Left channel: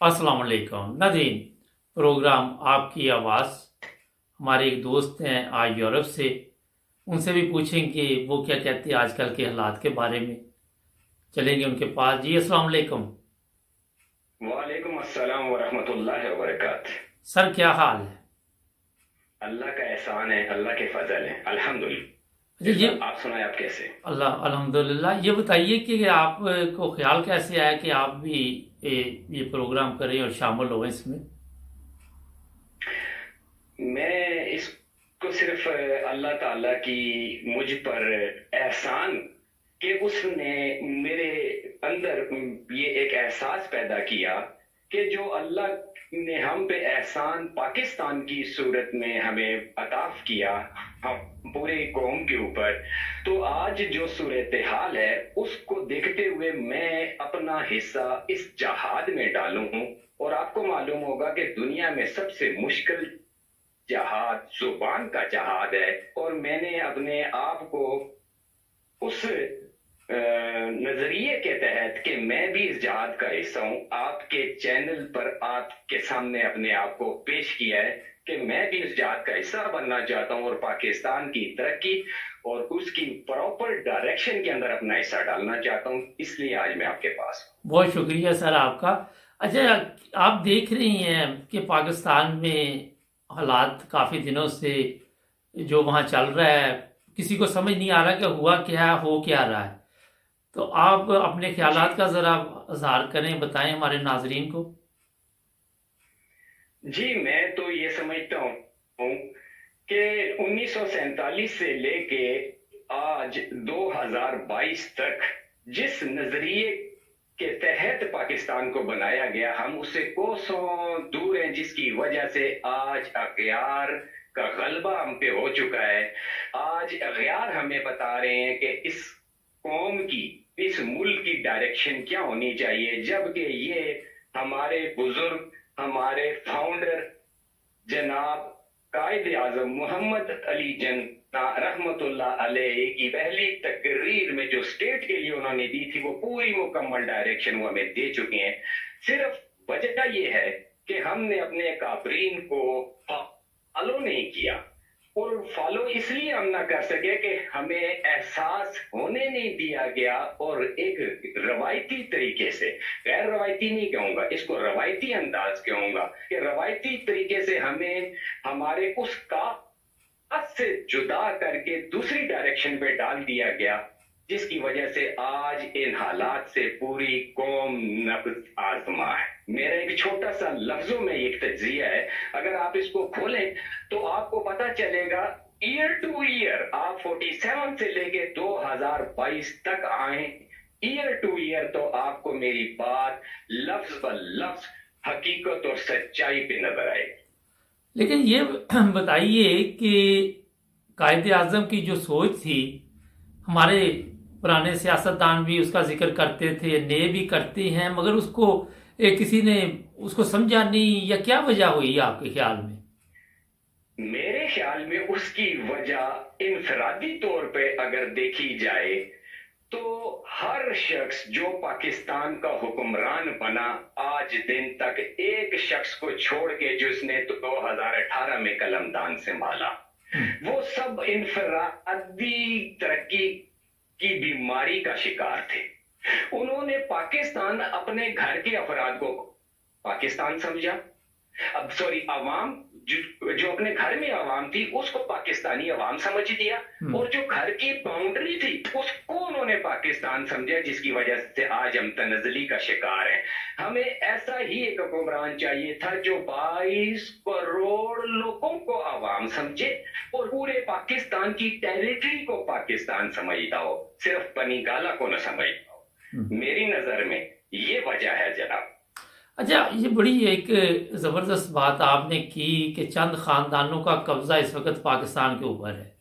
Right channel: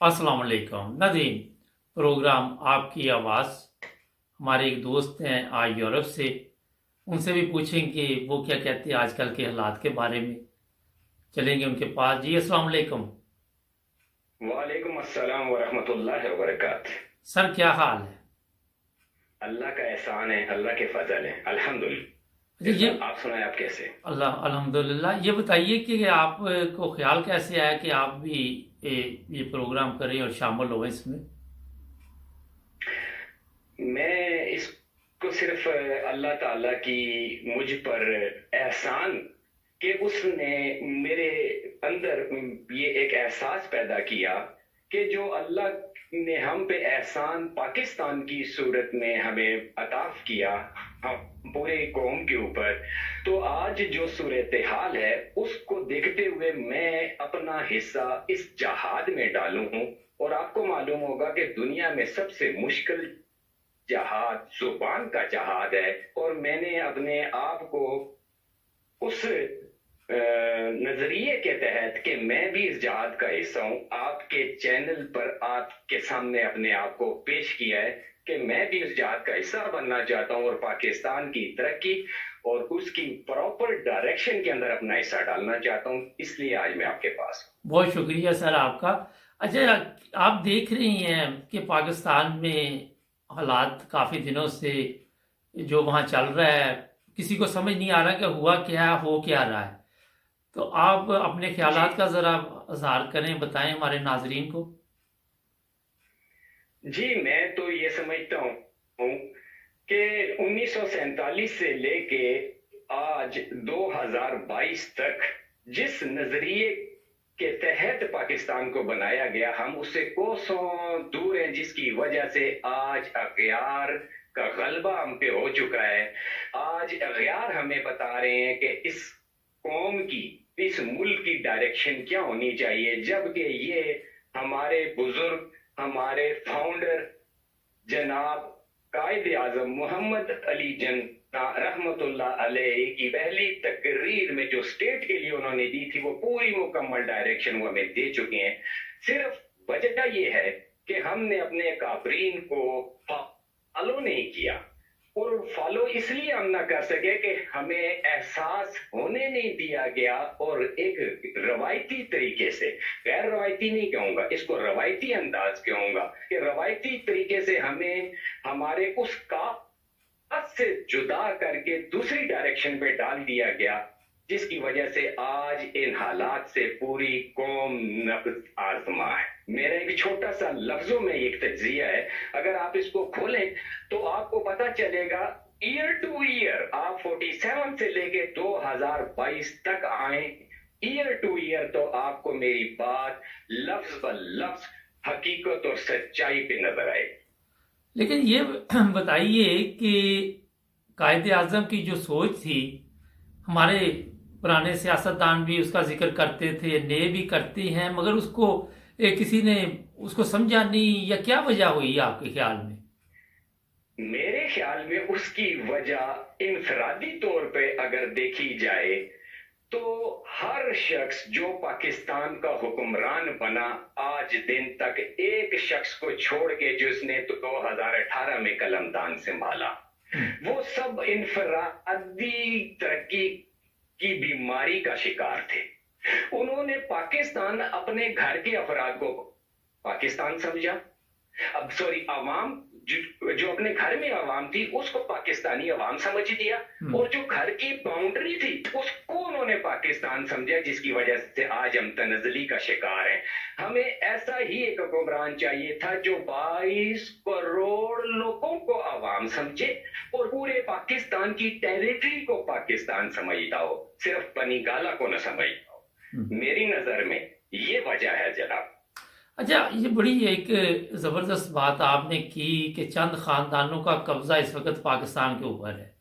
अस्सलाम वालेकुम नाज़रीन। प्रोग्राम आपकी आवाज़, हमारे एक दोस्त हैं आज यूरोप से, उनसे भी पूछेंगे वो क्या कहते हैं आजकल के हालात के बारे में। चलेंगे उनके पास। जी अस्सलाम वालेकुम। वालेकुम अस्सलाम वरहमतुल्लाहि वबरकात। सर क्या हाल है? अल्लाह का एहसान है, अल्लाह के फजल है, अच्छा अल्हम्दुलिल्लाह। ये आप सुनाए, आप कैसे? अल्लाह अल्हम्दुलिल्लाह। ये बताइए कि आपको ख्याल कैसे आया कि आप भी ये प्रोग्राम करें और शामिल हो इसमें। मैं इसको सिर्फ अल्लाह ताला की मुझ पर एहसान कि उसने मेरे अंदर ये एक एहसास पैदा किया कि जो अल्लाह ने हम पे एहसान पाकिस्तान की सूरत में हमें अताफ किया, हम पूरे कौम के ऊपर, तो आज जो सूरत हाल है उसको देखते हुए मैं अपना हिस्सा इस जहाद में डालूं हूं। और आपको मालूम होगा कि दुनिया में सबसे मुश्किल जहाद जुबान का जहाद है, और मैंने अपने आप को उस नजरिए के तहत कि मैं भी इस जहाद का हिस्सा हूं, आपके चैनल पर आपके सामने अपने आप को पेश किया है कि मैं भी इस जहाद का हिस्सा बनना चाहता हूं और पाकिस्तान की तरक्की और उसकी प्रॉपर डायरेक्शन के अंदर अपना हिस्सा डालना चाहता हूं। इसलिए आज मैं आपके पास हूं। बहुत शुक्रिया सर आपका। अच्छा, आप देख रही हैं कि पाकिस्तान में हालात काफ़ी दिनों से जो वहाँ चल रहा है, किसी को समझ नहीं आ रहा कि हुआ क्या है, हो क्या रहा है। तो आप अपने जी ख्यालात का ज़रा इज़हार करें, बताएं हमारे नाजरीन को। जी, मैं तो ये समझता हूँ कि 1947 से लेके आज 2022 तक जिस नजरिए के तहत पाकिस्तान को बनाया गया, हम उससे कोसों दूर हैं, जिसकी वजह से आज अगयार का गलबा हम पे हो चुका है। आज अगयार हमें बता रहे हैं कि इस कौम की, इस मुल्क की डायरेक्शन क्या होनी चाहिए, जबकि ये हमारे बुजुर्ग, हमारे फाउंडर जनाब कायद आजम मोहम्मद अली जिन्ना रहमतुल्लाह अलैह की पहली तकरीर में जो स्टेट के लिए उन्होंने दी थी, वो पूरी मुकम्मल डायरेक्शन वो हमें दे चुके हैं। सिर्फ वजह ये है कि हमने अपने काबरीन को फॉलो नहीं किया, और फॉलो इसलिए हम ना कर सके कि हमें एहसास होने नहीं दिया गया, और एक रवायती तरीके से, गैर रवायती नहीं कहूंगा इसको, रवायती अंदाज कहूंगा कि रवायती तरीके से हमें हमारे उस काज से जुदा करके दूसरी डायरेक्शन पे डाल दिया गया, जिसकी वजह से आज इन हालात से पूरी कौम नब्ज आजमा है। मेरा एक छोटा सा लफ्जों में एक तज्जिया है, अगर आप इसको खोलें तो आपको पता चलेगा। ईयर टू ईयर आप 47 से लेके 2022 तक आए, ईयर टू ईयर, तो आपको मेरी बात लफ्ज ब लफ्ज हकीकत और सच्चाई पे नजर आएगी। लेकिन ये बताइए कि कायद आज़म की जो सोच थी, हमारे पुराने सियासतदान भी उसका जिक्र करते थे, नए भी करते हैं, मगर उसको किसी ने उसको समझा नहीं, या क्या वजह हुई आपके ख्याल में? मेरे ख्याल में उसकी वजह इंफरादी तौर पे अगर देखी जाए तो हर शख्स जो पाकिस्तान का हुक्मरान बना आज दिन तक, एक शख्स को छोड़ के जिसने तो 2018 में कलमदान संभाला, वो सब इंफरादी तरक्की की बीमारी का शिकार थे। उन्होंने पाकिस्तान, अपने घर के अफराद को पाकिस्तान समझा, अब सॉरी अवाम, जो अपने घर में अवाम थी उसको पाकिस्तानी अवाम समझ लिया, और जो घर की बाउंड्री थी उसको उन्होंने पाकिस्तान समझा, जिसकी वजह से आज हम तनजली का शिकार हैं। हमें ऐसा ही एक हुक्मरान चाहिए था जो 22 करोड़ लोगों को अवाम समझे और पूरे पाकिस्तान की टेरिटरी को पाकिस्तान समझता हो, सिर्फ पनीगाला को न समझता हो। मेरी नजर में ये वजह है जनाब। अच्छा, ये बड़ी एक ज़बरदस्त बात आपने की कि चंद ख़ानदानों का कब्ज़ा इस वक्त पाकिस्तान के ऊपर है,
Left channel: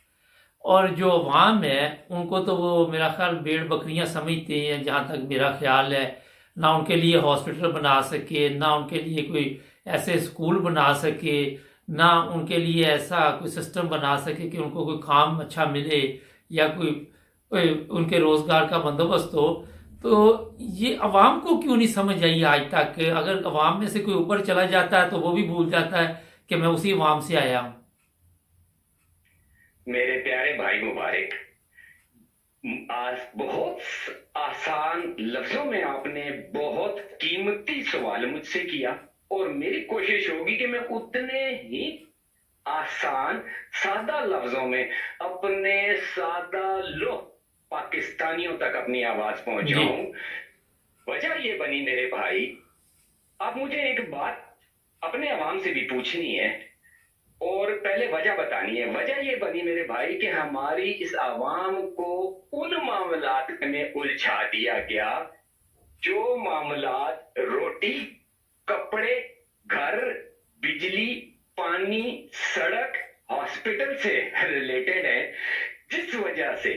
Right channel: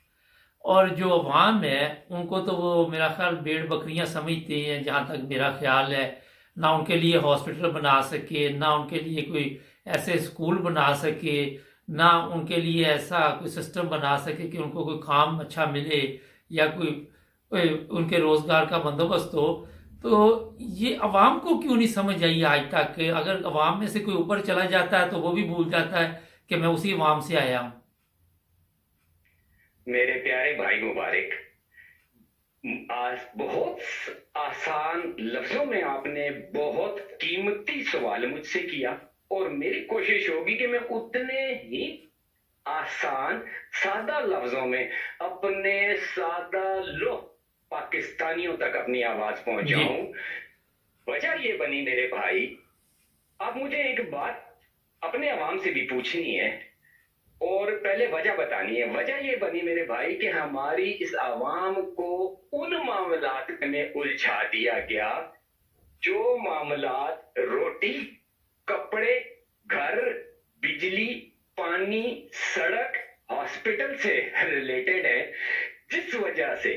और जो अवाम है उनको तो वो मेरा ख्याल भेड़ बकरियां समझते हैं, जहाँ तक मेरा ख्याल है। ना उनके लिए हॉस्पिटल बना सके, ना उनके लिए कोई ऐसे स्कूल बना सके, ना उनके लिए ऐसा कोई सिस्टम बना सके कि उनको कोई काम अच्छा मिले, या कोई उनके रोज़गार का बंदोबस्त हो। تو یہ عوام کو کیوں نہیں سمجھ آئی آج تک کہ اگر عوام میں سے کوئی اوپر چلا جاتا ہے تو وہ بھی بھول جاتا ہے کہ میں اسی عوام سے آیا ہوں؟ میرے پیارے بھائی مبارک، آج بہت آسان لفظوں میں آپ نے بہت قیمتی سوال مجھ سے کیا، اور میری کوشش ہوگی کہ میں اتنے ہی آسان سادہ لفظوں میں اپنے سادہ لوگ پاکستانیوں تک اپنی آواز جی پہنچاؤں۔ وجہ یہ بنی میرے بھائی، اب مجھے ایک بات اپنے عوام سے بھی پوچھنی ہے اور پہلے وجہ بتانی ہے۔ وجہ یہ بنی میرے بھائی کہ ہماری اس عوام کو ان معاملات میں الجھا دیا گیا جو معاملات روٹی، کپڑے، گھر، بجلی، پانی، سڑک، ہاسپٹل سے ریلیٹڈ ہے، جس وجہ سے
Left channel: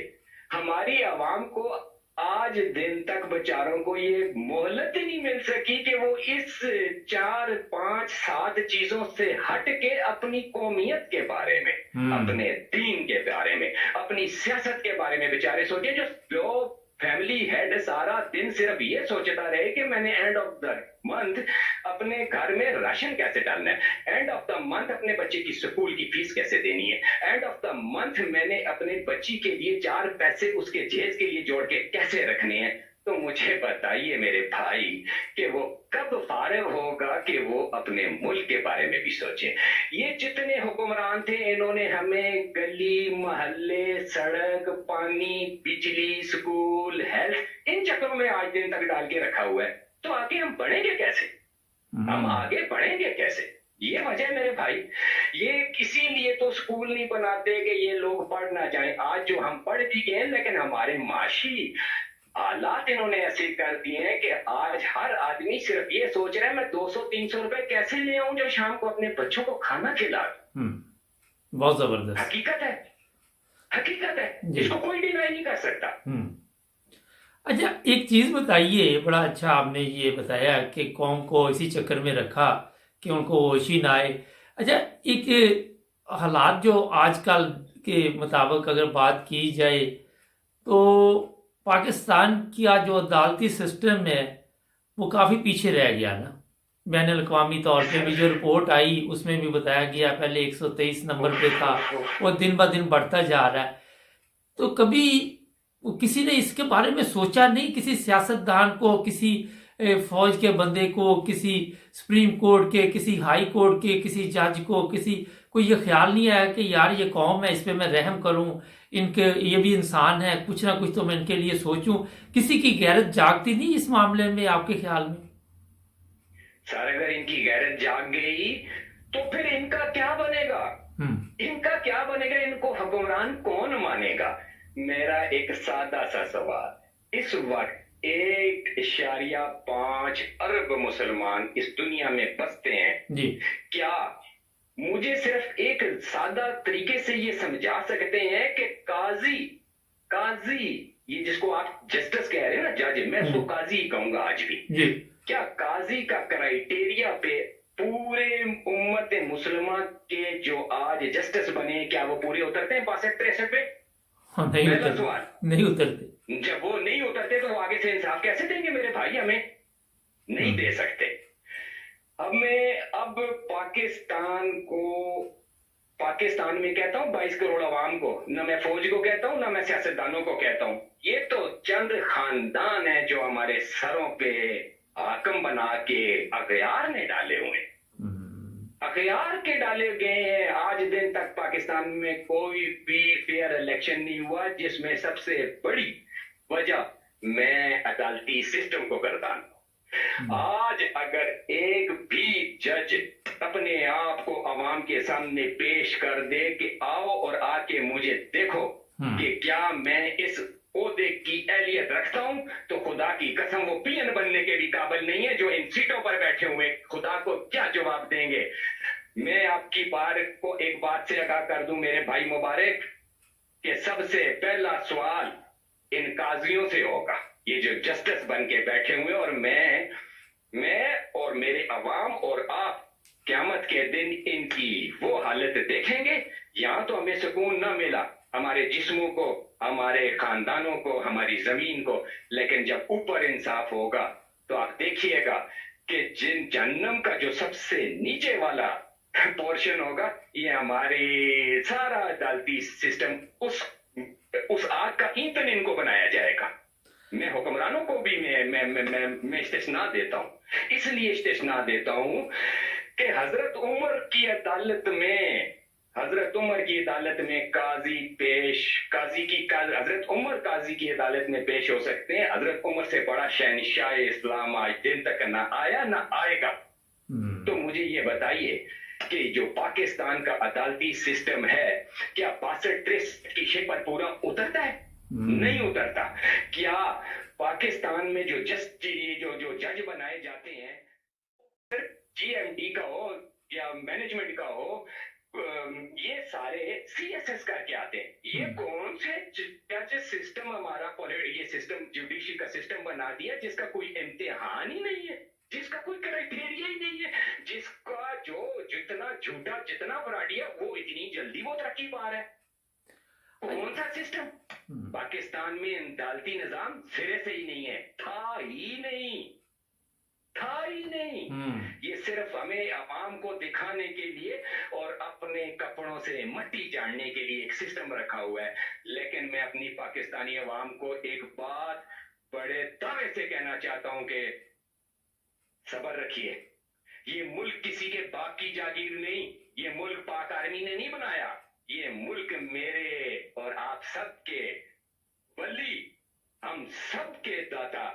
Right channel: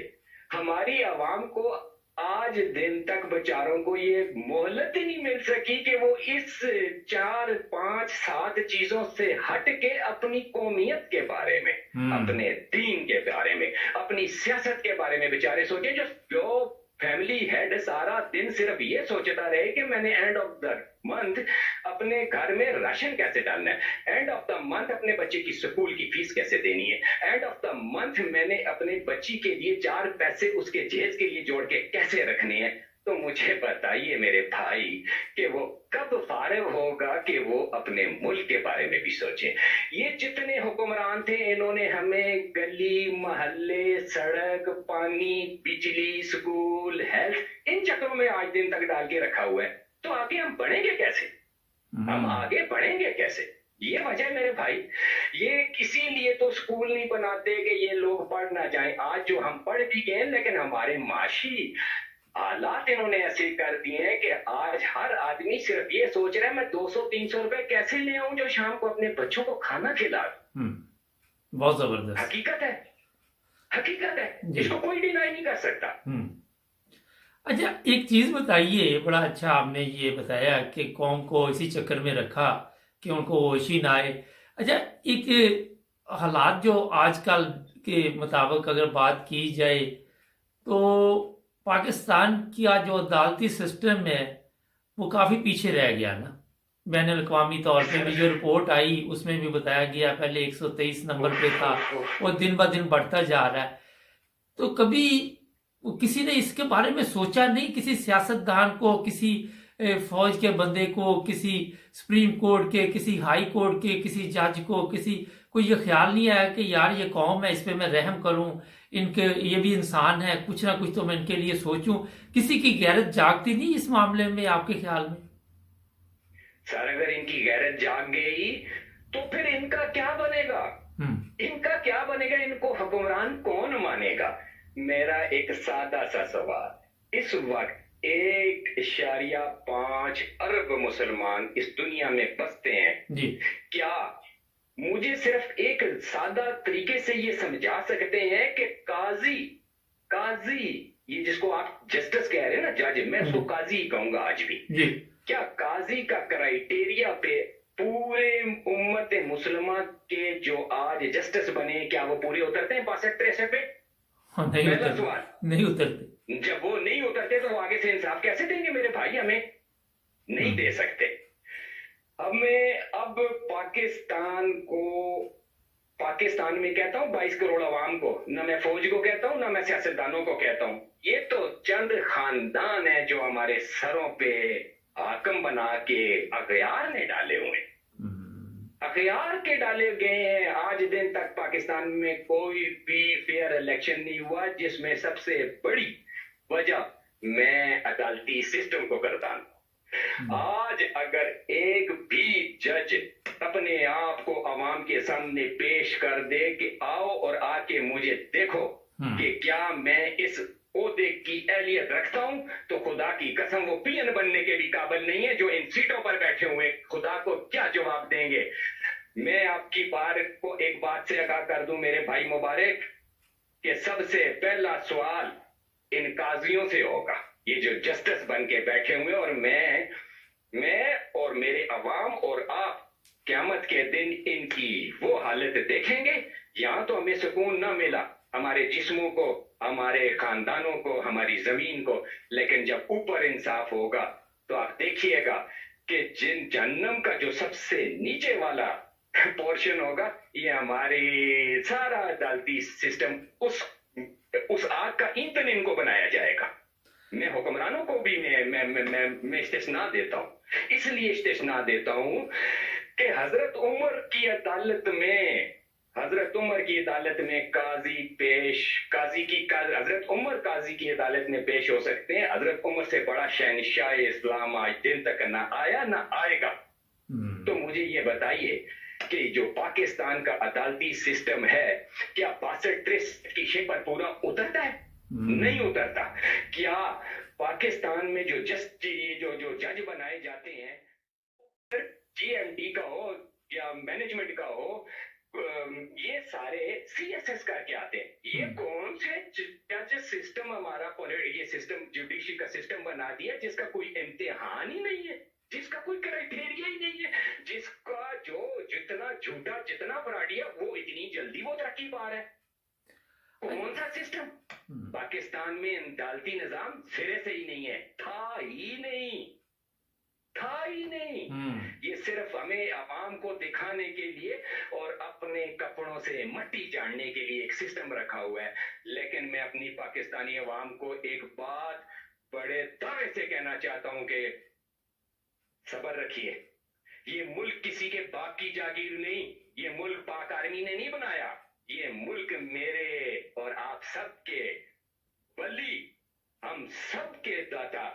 ہماری عوام کو آج دن تک بیچاروں کو یہ مہلت ہی نہیں مل سکی کہ وہ اس 4 5 7 چیزوں سے ہٹ کے اپنی قومیت کے بارے میں، اپنے دین کے بارے میں، اپنی سیاست کے بارے میں بیچارے سوچے۔ جو فیملی ہیڈ سارا دن صرف یہ سوچتا رہے کہ میں نے اینڈ آف دا منتھ اپنے گھر میں راشن کیسے ڈالنا ہے، اینڈ آف دا منتھ اپنے بچے کی سکول کی فیس کیسے دینی ہے، اینڈ آف دا منتھ میں نے اپنے بچی کے لیے 4 پیسے اس کے جہیز کے لیے جوڑ کے کیسے رکھنے ہیں۔ تو مجھے بتائیے میرے بھائی کہ وہ کب فارغ ہوگا کہ وہ اپنے ملک کے بارے میں بھی سوچے۔ یہ جتنے حکمران تھے انہوں نے ہمیں گلی محلے، سڑک، پانی، بجلی، سکول، ہیلتھ، ان چکروں میں آج دن تک ڈال کے رکھا ہوا ہے۔ تو آگے ہم بڑھیں گے کیسے؟ ہم آگے بڑھیں گے کیسے؟ یہ وجہ ہے میرے بھائی۔ یہ کسی لیے تو اسکول نہیں بناتے کہ یہ لوگ پڑھ نہ جائیں۔ آج جو ہم پڑھ بھی گئے لیکن ہمارے معاشی حالات انہوں نے ایسے کر دیے ہیں کہ آج ہر آدمی صرف یہ سوچ رہا ہے میں 200-300 روپے کیسے لے آؤں جو شام کو اپنے بچوں کو کھانا کھلا دوں۔ بہت زبردست حقیقت ہے، حقیقت ہے، اس کو کوئی ڈینائی نہیں کر سکتا۔ اچھا ایک چیز بتائیے، بڑا اچھا آپ نے یہ بتایا کہ قوم کو اسی چکر میں رکھا کہ ان کو ہوش ہی نہ آئے۔ اچھا ایک حالات جو آج کل کے مطابق اگر بات کی جائے تو پاکستان کا جو عدالتی سسٹم ہے وہ کافی پیچھے رہ گیا نا۔ بین الاقوامی طور پہ بھی جو رپورٹ آئی اس میں بھی بتایا گیا پہلے 123 نمبر پہ تھا، وہ دن بہ دن بڑھتا جا رہا ہے۔ تو کبھی کسی نے اس کے بارے میں سوچا نہیں؟ کسی سیاستدان کو، کسی فوج کے بندے کو، کسی سپریم کورٹ کے، کسی ہائی کورٹ کے کسی جج کو یہ خیال نہیں آیا کہ یار یہ قوم ہے، اس پہ میں رحم کروں، ان کے یہ بھی انسان ہے، کچھ نہ کچھ تو میں ان کے لیے سوچوں؟ کسی کی غیرت جاگتی نہیں اس معاملے میں آپ کے خیال میں؟ سر اگر ان کی غیرت جاگ گئی تو پھر ان کا کیا بنے گا؟ ان کا کیا بنے گا؟ ان کو حکمران کون مانے گا؟ میرا ایک سادہ سا سوال، اس وقت 1.5 ارب مسلمان اس دنیا میں بستے ہیں جی، کیا مجھے صرف ایک سادہ طریقے سے یہ سمجھا سکتے ہیں کہ قاضی یہ جس کو آپ جسٹس کہہ رہے ہیں نا، جج، میں اس کو قاضی ہی کہوں گا آج بھی، کیا قاضی کا کرائیٹیریا پہ پورے امت مسلمہ کے جو آج جسٹس بنے کیا وہ پورے اترتے ہیں 62-63 پہ؟ نہیں اترتے۔ جب وہ نہیں اترتے تو وہ آگے سے انصاف کیسے دیں گے میرے بھائی؟ ہمیں نہیں دے سکتے۔ اب پاکستان میں کہتا ہوں 22 کروڑ عوام کو، نہ میں فوج کو کہتا ہوں نہ میں سیاستدانوں کو کہتا ہوں، یہ تو چند خاندان ہیں جو ہمارے سروں پہ حاکم بنا کے اغیار نے ڈالے ہوئے ہیں، اغیار کے ڈالے گئے ہیں۔ آج دن تک پاکستان میں کوئی بھی فیئر الیکشن نہیں ہوا، جس میں سب سے بڑی وجہ میں عدالتی سسٹم کو کرتا ہوں۔ آج اگر ایک بھی جج اپنے آپ کو عوام کے سامنے پیش کر دے کہ آؤ اور آ کے مجھے دیکھو کہ کیا میں اس عہدے کی اہلیت رکھتا ہوں، تو خدا کی قسم وہ پی این بننے کے بھی قابل نہیں ہے جو ان سیٹوں پر بیٹھے ہوئے۔ خدا کو کیا جواب دیں گے؟ میں آپ کی بات کو ایک بات سے آگاہ کر دوں میرے بھائی مبارک کہ سب سے پہلا سوال ان قاضیوں سے ہوگا، یہ جو جسٹس بن کے بیٹھے ہوئے، اور میں اور میرے عوام اور آپ قیامت کے دن ان کی وہ حالت دیکھیں گے۔ یہاں تو ہمیں سکون نہ ملا، ہمارے جسموں کو हमारे खानदानों को, हमारी जमीन को, लेकिन जब ऊपर इंसाफ होगा तो आप देखिएगा कि जिन जहन्नम का जो सबसे नीचे वाला पोर्शन होगा, ये हमारी सारा अदालती सिस्टम उस आग का ईंधन इनको बनाया जाएगा। मैं हुक्मरानों को भी मैं इस्तिस्ना देता हूँ, इसलिए इस्तिस्ना देता हूँ कि हजरत उमर की अदालत में हजरत उमर काजी की अदालत में पेश हो सकते हैं। हजरत उमर से बड़ा शहनशाह इस्लाम आज दिन तक ना आया ना आएगा। तो मुझे ये बताइए कि जो पाकिस्तान का अदालती सिस्टम है, क्या 62-63 की शे पर पूरा उतरता है? नहीं उतरता। क्या पाकिस्तान में जो जज बनाए जाते हैं, जीएमटी का हो या मैनेजमेंट का हो, ये सारे सीएसएस करके आते हैं। ये कौन से जज सिस्टम हमारा ये सिस्टम जुडिशरी का सिस्टम बना दिया जिसका कोई इम्तिहान ही नहीं है, जिसका कोई क्राइटेरिया ही नहीं है, जिसका जो जितना झूठा जितना फ्रॉडिया वो इतनी जल्दी वो तरक्की पा रहा है। कौन सा सिस्टम? पाकिस्तान में अदालती निजाम सिरे से ही नहीं है, था ही नहीं। ये सिर्फ हमें आवाम को दिखाने के लिए और अपने कपड़ों से मट्टी चाड़ने के लिए एक सिस्टम रखा हुआ है। लेकिन मैं अपनी पाकिस्तानी आवाम को एक बात बड़े दावे से कहना चाहता हूं कि सब्र रखिए। ये मुल्क किसी के बाप की जागीर नहीं, ये मुल्क पाक आर्मी ने नहीं बनाया, ये मुल्क मेरे और आप सबके वली, हम सबके दाता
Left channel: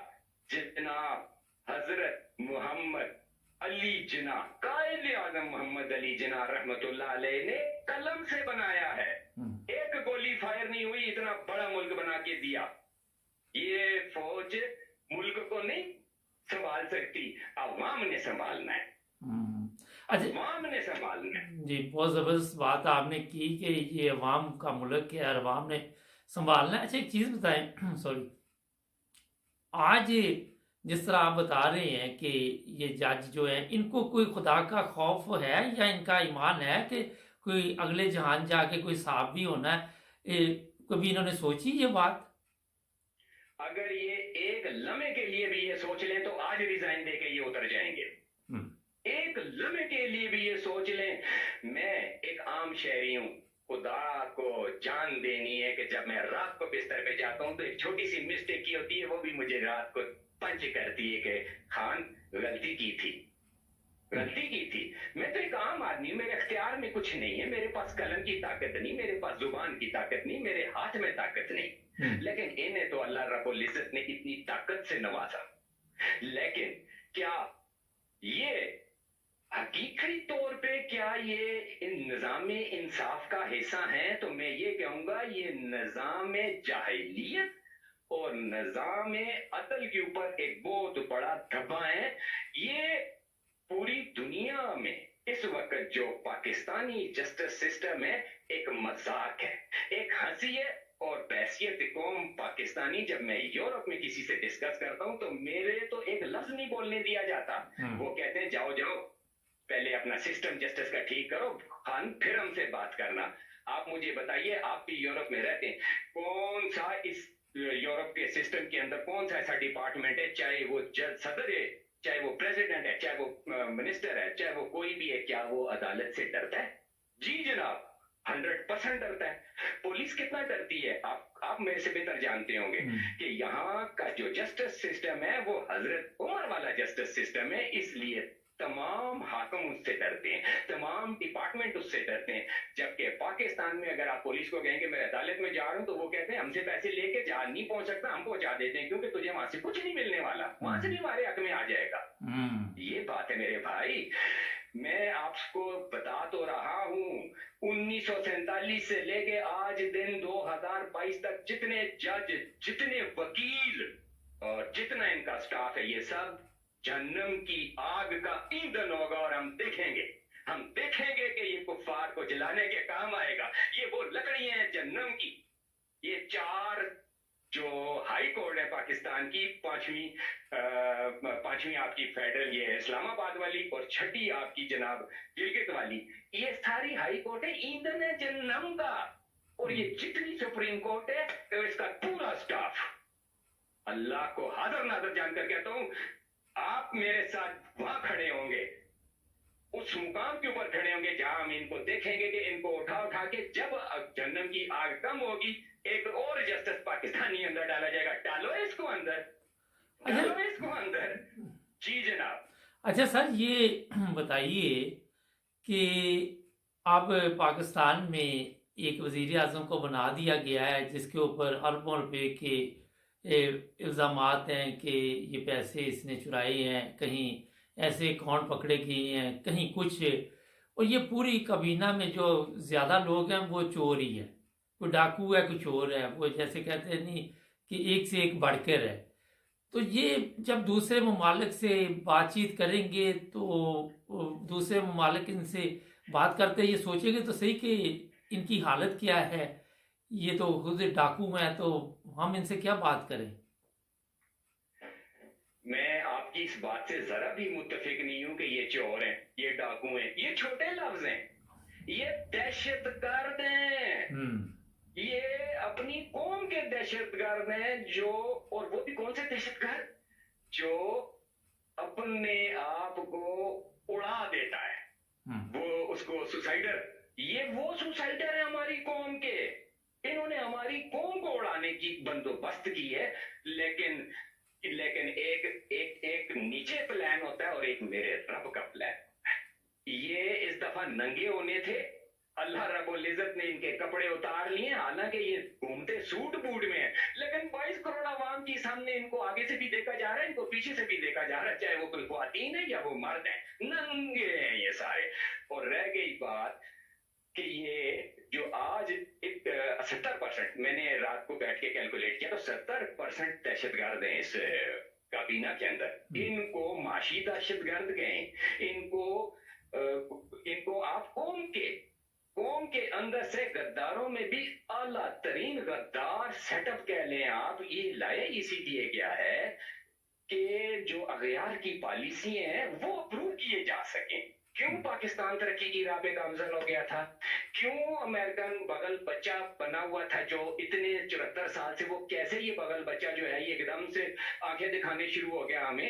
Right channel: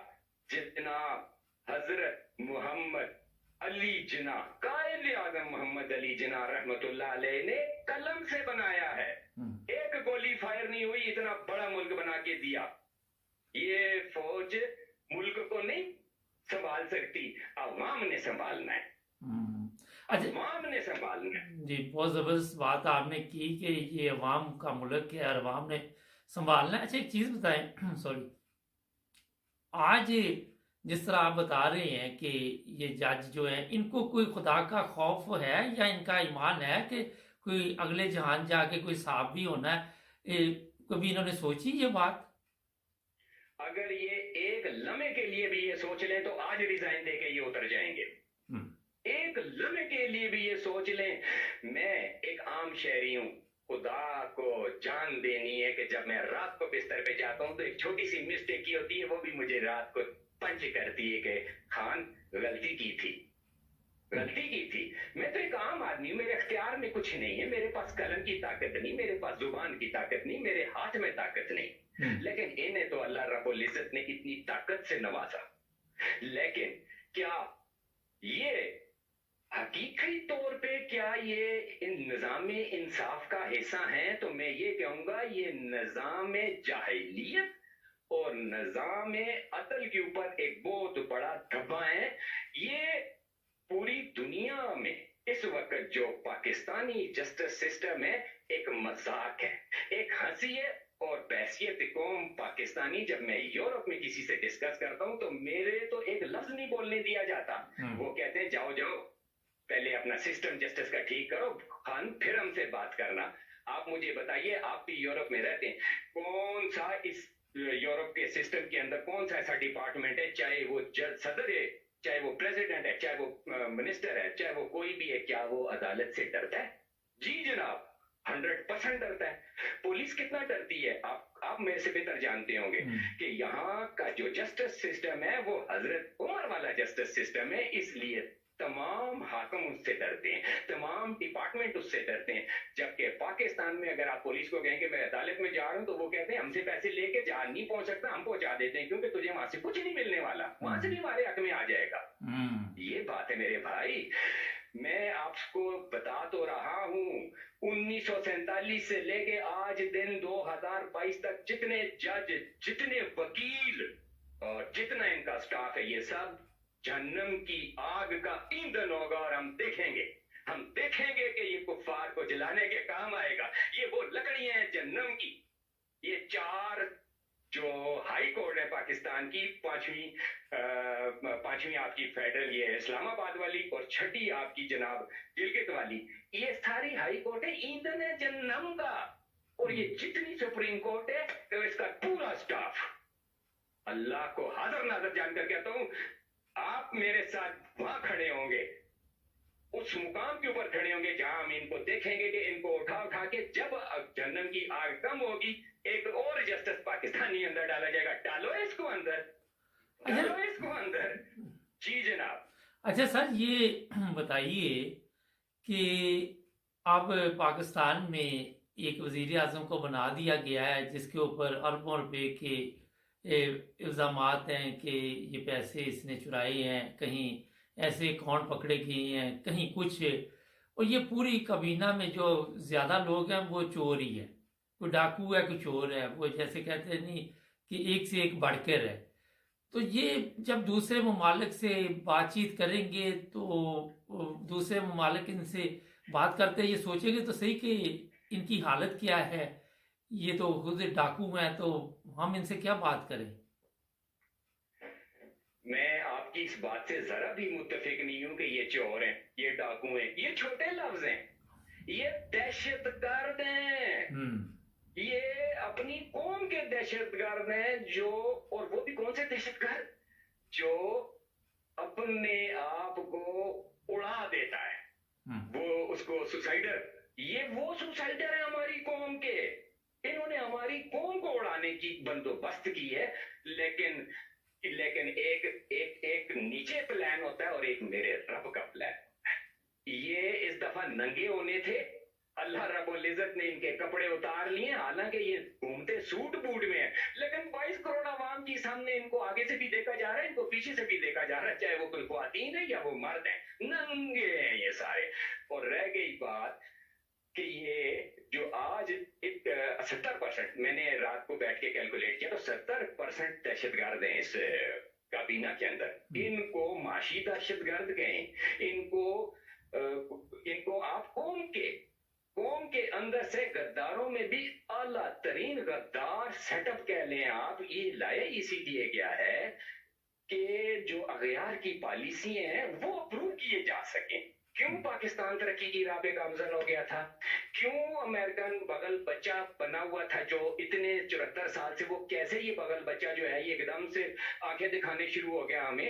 जनाब हजरत मोहम्मद अली जिना, कायद आजम मोहम्मद अली जिना रहमतुल्लाह अलैह ने कलम से बनाया है। एक गोली फायर नहीं हुई, इतना बड़ा मुल्क बना के दिया। ये फौज मुल्क को नहीं संभाल सकती, अवाम ने संभालना है। अच्छा, अवाम ने संभालना है जी। बहुत ज़बरदस्त बात आपने की कि ये अवाम का मुल्क है और अवाम ने संभालना है। अच्छा, एक चीज़ बताएं सॉरी, आज जिस तरह आप बता रहे हैं कि ये जज जो है इनको कोई खुदा का खौफ है या इनका ईमान है कि कोई अगले जहान जाके कोई साहब भी होना है, कभी इन्होंने सोची ये बात? अगर ये एक लम्हे के लिए भी ये सोच लें तो आज रिजाइन देके ये उतर जाएंगे। एक लम्हे के लिए भी ये सोच लें, मैं एक आम शहरी हूं, खुदा को जान देनी है कि जब मैं रात को बिस्तर पे जाता हूं तो एक छोटी सी मिस्टेक की होती है, वो भी मुझे रात को पंच करती है कि खान गलती की थी। मैं तो एक आम आदमी, मेरे अख्तियार में कुछ नहीं है, मेरे पास कलम की ताकत नहीं, मेरे पास जुबान की ताकत नहीं, मेरे हाथ में ताकत नहीं। लेकिन इन्हें तो अल्लाह रब्बुल इज्जत ने इतनी ताकत से नवाजा। लेकिन क्या ये हकीकी तौर पे क्या ये निजाम इंसाफ का हिस्सा है? तो मैं ये कहूंगा ये निजाम जाहिलियत और निजाम अदल के ऊपर एक बहुत बड़ा धब्बा है। ये पूरी दुनिया में इस वक्त जो पाकिस्तानी जस्टिस सिस्टम है एक मजाक है, एक हंसी है और बहसियत कौम पाकिस्तानी। जब मैं यूरोप में किसी से डिस्कस करता हूं तो मेरे तो एक लफ्ज नहीं बोलने दिया जाता। वो कहते हैं जाओ पहले अपना सिस्टम जस्टिस का ठीक करो खान, फिर हमसे बात करना। आप मुझे बताइए, आप भी यूरोप में रहते हैं, कौन सा इस यूरोप के सिस्टम के अंदर कौन सा ऐसा डिपार्टमेंट है, चाहे वो सदर है, चाहे वो प्रेसिडेंट है, चाहे वो मिनिस्टर है, चाहे वो कोई भी है, क्या वो अदालत से डरता है? जी जनाब, 100% डरता है। पुलिस कितना डरती है आप मेरे से बेहतर जानते होंगे कि यहाँ का जो जस्टिस सिस्टम है वो हजरत उमर वाला जस्टिस सिस्टम है, इसलिए तमाम हाकम उससे डरते हैं, तमाम डिपार्टमेंट उससे डरते हैं। जबकि पाकिस्तान में अगर आप पुलिस को कहेंगे मैं अदालत में जा रहा हूं तो वो कहते हैं हमसे पैसे लेके जा नहीं पहुंच सकता, हम पहुंचा देते हैं क्योंकि तुझे वहां से कुछ नहीं मिलने वाला, वहां से भी हमारे हक में आ जाएगा। ये बात है मेरे भाई। मैं आपको बता तो रहा हूं 1947 से लेके आज दिन 2022 तक जितने जज, जितने वकील और जितना इनका स्टाफ है, ये सब जहन्नम की आग का ईंधन होगा। और हम देखेंगे कि ये कुफ्फार को जलाने के काम आएगा। ये वो लकड़ियां हैं जहन्नम की। ये 4 जो हाई कोर्ट है पाकिस्तान की, पांचवी आपकी फेडरल ये इस्लामाबाद वाली और छठी आपकी जनाब गिलगित वाली, ये सारी हाई कोर्ट है ईंधन है जहन्नम का। اور یہ جتنی سپریم کورٹ ہے تو اس کا پورا سٹاف، اللہ کو حاضر ناظر جان کر کہتا ہوں، آپ میرے ساتھ وہاں کھڑے ہوں گے، اس مقام کے اوپر کھڑے ہوں گے جہاں ہم ان کو دیکھیں گے کہ ان کو اٹھا کے جب جہنم کی آگ کم ہوگی ایک اور جسٹس پاکستانی اندر ڈالا جائے گا، ڈالو اس کو اندر، ڈالو اس کو اندر۔ جی جناب۔ اچھا سر، یہ بتائیے کہ اب پاکستان میں ایک وزیر اعظم کو بنا دیا گیا ہے جس کے اوپر اربوں روپے کے الزامات ہیں کہ یہ پیسے اس نے چرائے ہیں، کہیں ایسے اکاؤنٹ پکڑے گئے ہیں، کہیں کچھ، اور یہ پوری کابینہ میں جو زیادہ لوگ ہیں وہ چور ہی ہے، کوئی ڈاکو ہے کوئی چور ہے، وہ جیسے کہتے ہیں نہیں کہ ایک سے ایک بڑھ کر ہے۔ تو یہ جب دوسرے ممالک سے بات چیت کریں گے تو دوسرے ممالک ان سے بات کرتے یہ سوچیں گے تو صحیح کہ ان کی حالت کیا ہے، یہ تو خود ڈاکو ہیں، تو ہم ان سے کیا بات کریں؟ میں آپ کی اس بات سے ذرا بھی متفق نہیں ہوں کہ یہ چور ہیں، یہ ڈاکو ہیں، یہ چھوٹے لفظ ہیں، یہ دہشت گرد ہیں، یہ اپنی قوم کے دہشت گرد ہیں، جو، اور وہ بھی کون سے دہشت گرد، جو اپنے آپ کو اڑا دیتا ہے، وہ اس کو سوسائڈر، یہ وہ سوسائڈر ہے ہماری قوم کے، انہوں نے ہماری قوم کو اڑانے کی بندوبست کی ہے، لیکن ایک نیچے پلان ہوتا ہے اور ایک میرے رب کا پلان ہوتا ہے۔ یہ اس دفعہ ننگے ہونے تھے، اللہ رب العزت نے ان کے کپڑے اتار لیے، حالانکہ یہ گھومتے سوٹ بوٹ میں ہیں، لیکن 22 کروڑ عوام کی سامنے ان کو آگے سے بھی دیکھا جا رہا ہے، ان کو پیچھے سے بھی دیکھا جا رہا ہے، چاہے وہ کوئی خواتین ہے یا وہ مرد ہیں، ننگے ہیں یہ سارے۔ اور رہ گئی بات کہ یہ جو آج 70%، میں نے رات کو بیٹھ کے کیلکولیٹ کیا تو 70% دہشت گرد ہیں اس کابینہ کے اندر، ان کو معاشی دہشت گرد کہیں، ان کو آپ قوم کے اندر سے غداروں میں بھی اعلیٰ ترین غدار سیٹ اپ کہہ لیں آپ، یہ لایا اسی لیے گیا ہے کہ جو اغیار کی پالیسی ہیں وہ اپروو کیے جا سکیں۔ کیوں پاکستان ترقی کی راہ پہ گامزن ہو گیا تھا؟ کیوں امریکن بغل بچہ بنا ہوا تھا جو اتنے 74 سال سے، وہ کیسے یہ بغل بچہ جو ہے یہ ایک دم سے آنکھیں دکھانے شروع ہو گیا ہمیں؟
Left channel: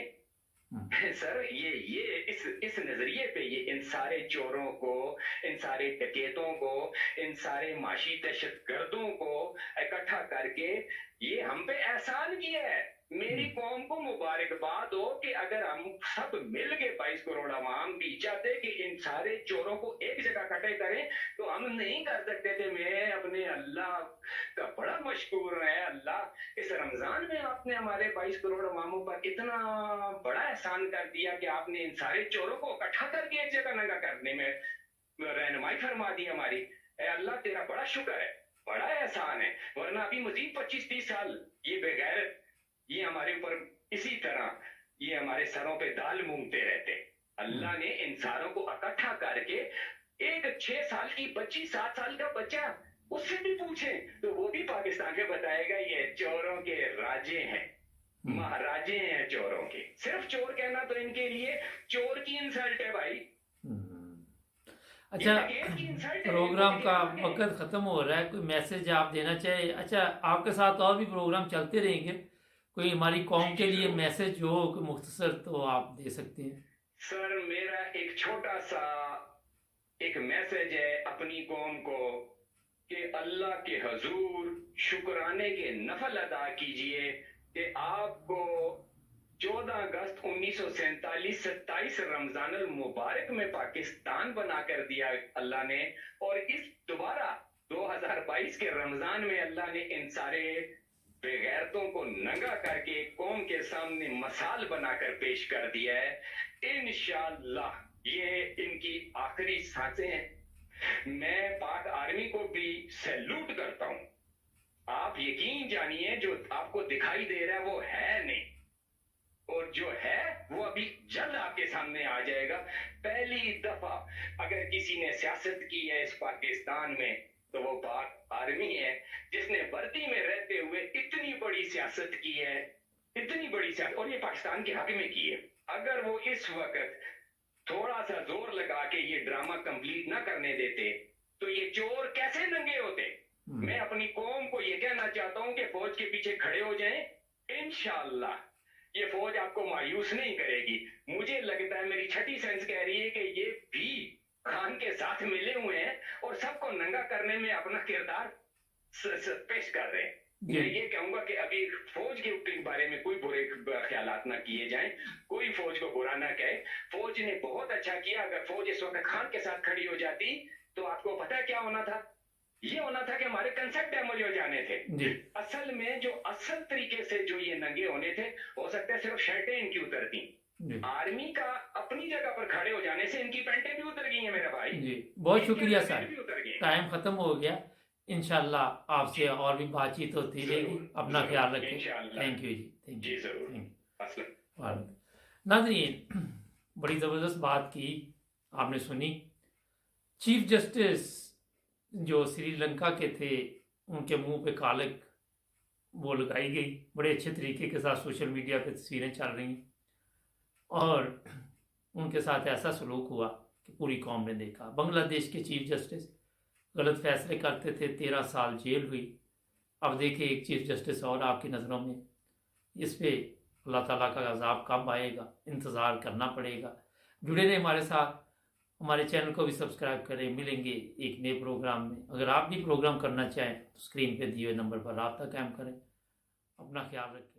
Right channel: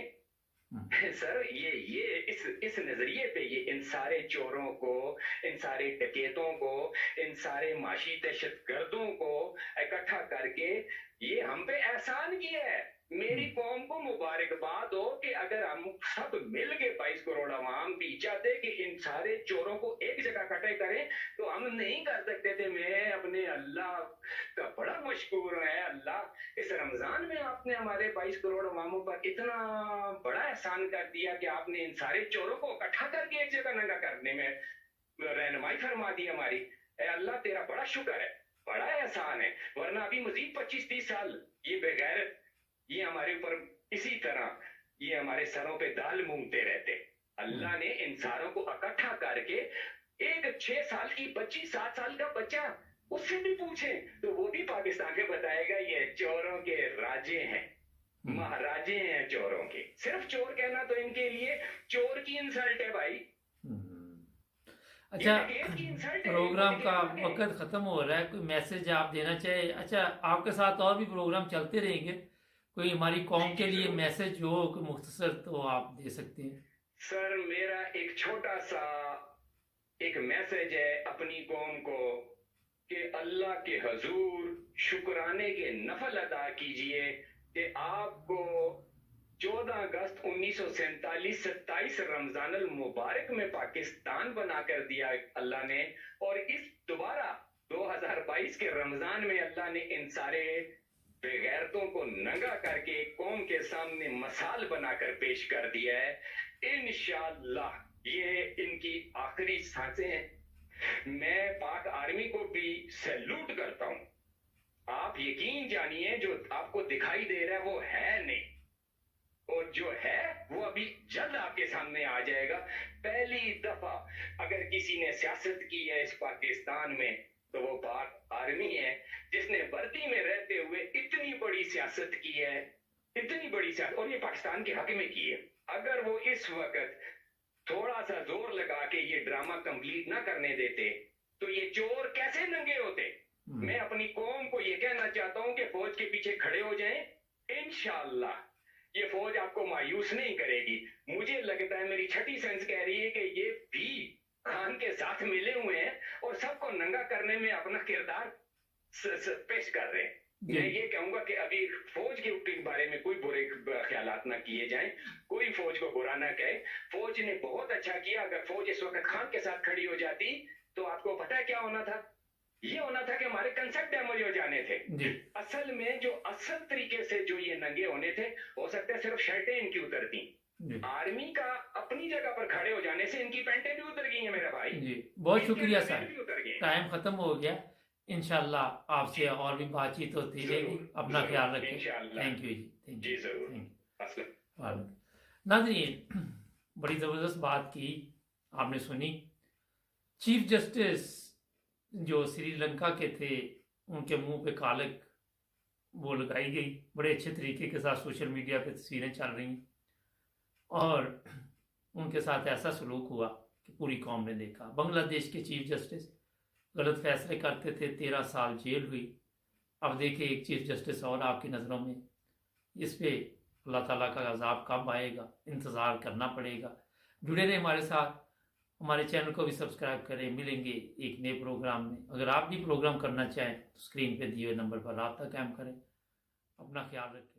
سر یہ اس نظریے پہ یہ ان سارے چوروں کو، ان سارے ڈکیتوں کو، ان سارے معاشی دہشت گردوں کو اکٹھا کر کے یہ ہم پہ احسان کیا ہے۔ میری قوم کو مبارکباد ہو کہ اگر ہم سب مل کے 22 کروڑ عوام بھی چاہتے کہ ان سارے چوروں کو ایک جگہ اکٹھے کریں تو ہم نہیں کر سکتے تھے۔ میں اپنے اللہ کا بڑا مشکور ہے، اللہ اس رمضان میں آپ نے ہمارے 22 کروڑ عواموں پر اتنا بڑا احسان کر دیا کہ آپ نے ان سارے چوروں کو اکٹھا کر کے ایک جگہ ننگا کرنے میں رہنمائی فرما دی ہماری۔ اے اللہ تیرا بڑا شکر ہے، بڑا احسان ہے، ورنہ ابھی مزید 25-30 سال یہ بغیرت یہ ہمارے اوپر اسی طرح یہ ہمارے سروں پہ دال مونگتے رہتے۔ اللہ نے ان ساروں کو اکٹھا کر کے ایک 6 سال کی بچی، 7 سال کا بچہ، اس سے بھی پوچھیں تو وہ بھی پاکستان میں بتائے گا یہ چوروں کے راجے ہیں، مہاراجے ہیں چوروں کے۔ صرف چور کہنا تو ان کے لیے چور کی انسلٹ ہے بھائی۔ اچھا، پروگرام کا وقت ختم ہو رہا ہے، کوئی میسج آپ دینا چاہے؟ اچھا، آپ کے ساتھ اور بھی پروگرام چلتے رہیں گے، کوئی ہماری قوم کے لیے میسج جو ہو مختصر تو آپ دے سکتے ہیں۔ سر میرا ایک چھوٹا سا ایک میسج ہے اپنی قوم کو کہ اللہ کے حضور شکرانے کے نفل ادا کیجئے کہ آپ کو 14 اگست 1947 27 رمضان المبارک میں پاکستان بنا کر دیا اللہ نے، اور اس دوبارہ 2022 کے رمضان میں اللہ نے ان سارے بغیرتوں کو ننگا کر کے قوم کے سامنے مثال بنا کر پیش کر دیا ہے۔ انشاءاللہ یہ ان کی آخری سانسیں ہیں۔ میں پاک آرمی کو بھی سیلوٹ کرتا ہوں۔ آپ یقین جانیے جو آپ کو دکھائی دے رہا ہے وہ ہے نہیں، اور جو ہے وہ ابھی جلد آپ کے سامنے آ جائے گا۔ پہلی دفعہ اگر کسی نے سیاست کی ہے اس پاکستان میں تو وہ پاک آرمی ہے، جس نے وردی میں رہتے ہوئے اتنی بڑی سیاست کی ہے، اتنی بڑی سیاست، اور یہ پاکستان کے حق میں کی ہے۔ اگر وہ اس وقت تھوڑا سا زور لگا کے یہ ڈرامہ کمپلیٹ نہ کرنے دیتے تو یہ چور کیسے ننگے ہوتے؟ मैं अपनी कौम को ये कहना चाहता हूं कि फौज के पीछे खड़े हो जाएं। इंशाअल्लाह ये फौज आपको मायूस नहीं करेगी। मुझे लगता है, मेरी छठी सेंस कह रही है कि ये भी खान के साथ मिले हुए हैं और सबको नंगा करने में अपना किरदार पेश कर रहे हैं। मैं ये कहूंगा कि अभी फौज के बारे में कोई बुरे ख्यालात ना किए जाएं, कोई फौज को बुरा ना कहे। फौज ने बहुत अच्छा किया। अगर फौज इस वक्त खान के साथ खड़ी हो जाती तो आपको पता है क्या होना था? ये होना था कि हमारे कंसेप्ट डैमेज हो जाने थे। असल में जो असल तरीके से जो ये नंगे होने थे, हो सकता है सिर्फ शर्टें इनकी उतरती। आर्मी का अपनी जगह पर खड़े हो जाने से इनकी पैंटें भी उतर गई हैं मेरा भाई जी। बहुत शुक्रिया सर, टाइम खत्म हो गया। इंशाल्लाह आपसे और भी बातचीत होती रहेगी। अपना ख्याल रखें। थैंक यू जी, थैंक यू, थैंक यू। नाज़रीन, बड़ी ज़बरदस्त बात की आपने सुनी। चीफ जस्टिस जो श्रीलंका के थे, उनके मुंह पे कालक वो लगाई गई। बड़े अच्छे तरीके के साथ सोशल मीडिया पे तस्वीरें चल रही हैं और उनके साथ ऐसा सलूक हुआ कि पूरी कौम ने देखा। बांग्लादेश के चीफ जस्टिस गलत फैसले करते थे, 13 साल जेल हुई। अब देखिए एक चीफ जस्टिस और आपकी नज़रों में। इस पे अल्लाह ताला का अज़ाब कब आएगा, इंतज़ार करना पड़ेगा। जुड़े रहे हमारे साथ, हमारे चैनल को भी सब्सक्राइब करें। मिलेंगे एक नए प्रोग्राम में। अगर आप भी प्रोग्राम करना चाहें तो स्क्रीन पे दिए हुए नंबर पर राब्ता कायम करें। अपना ख्याल रखें।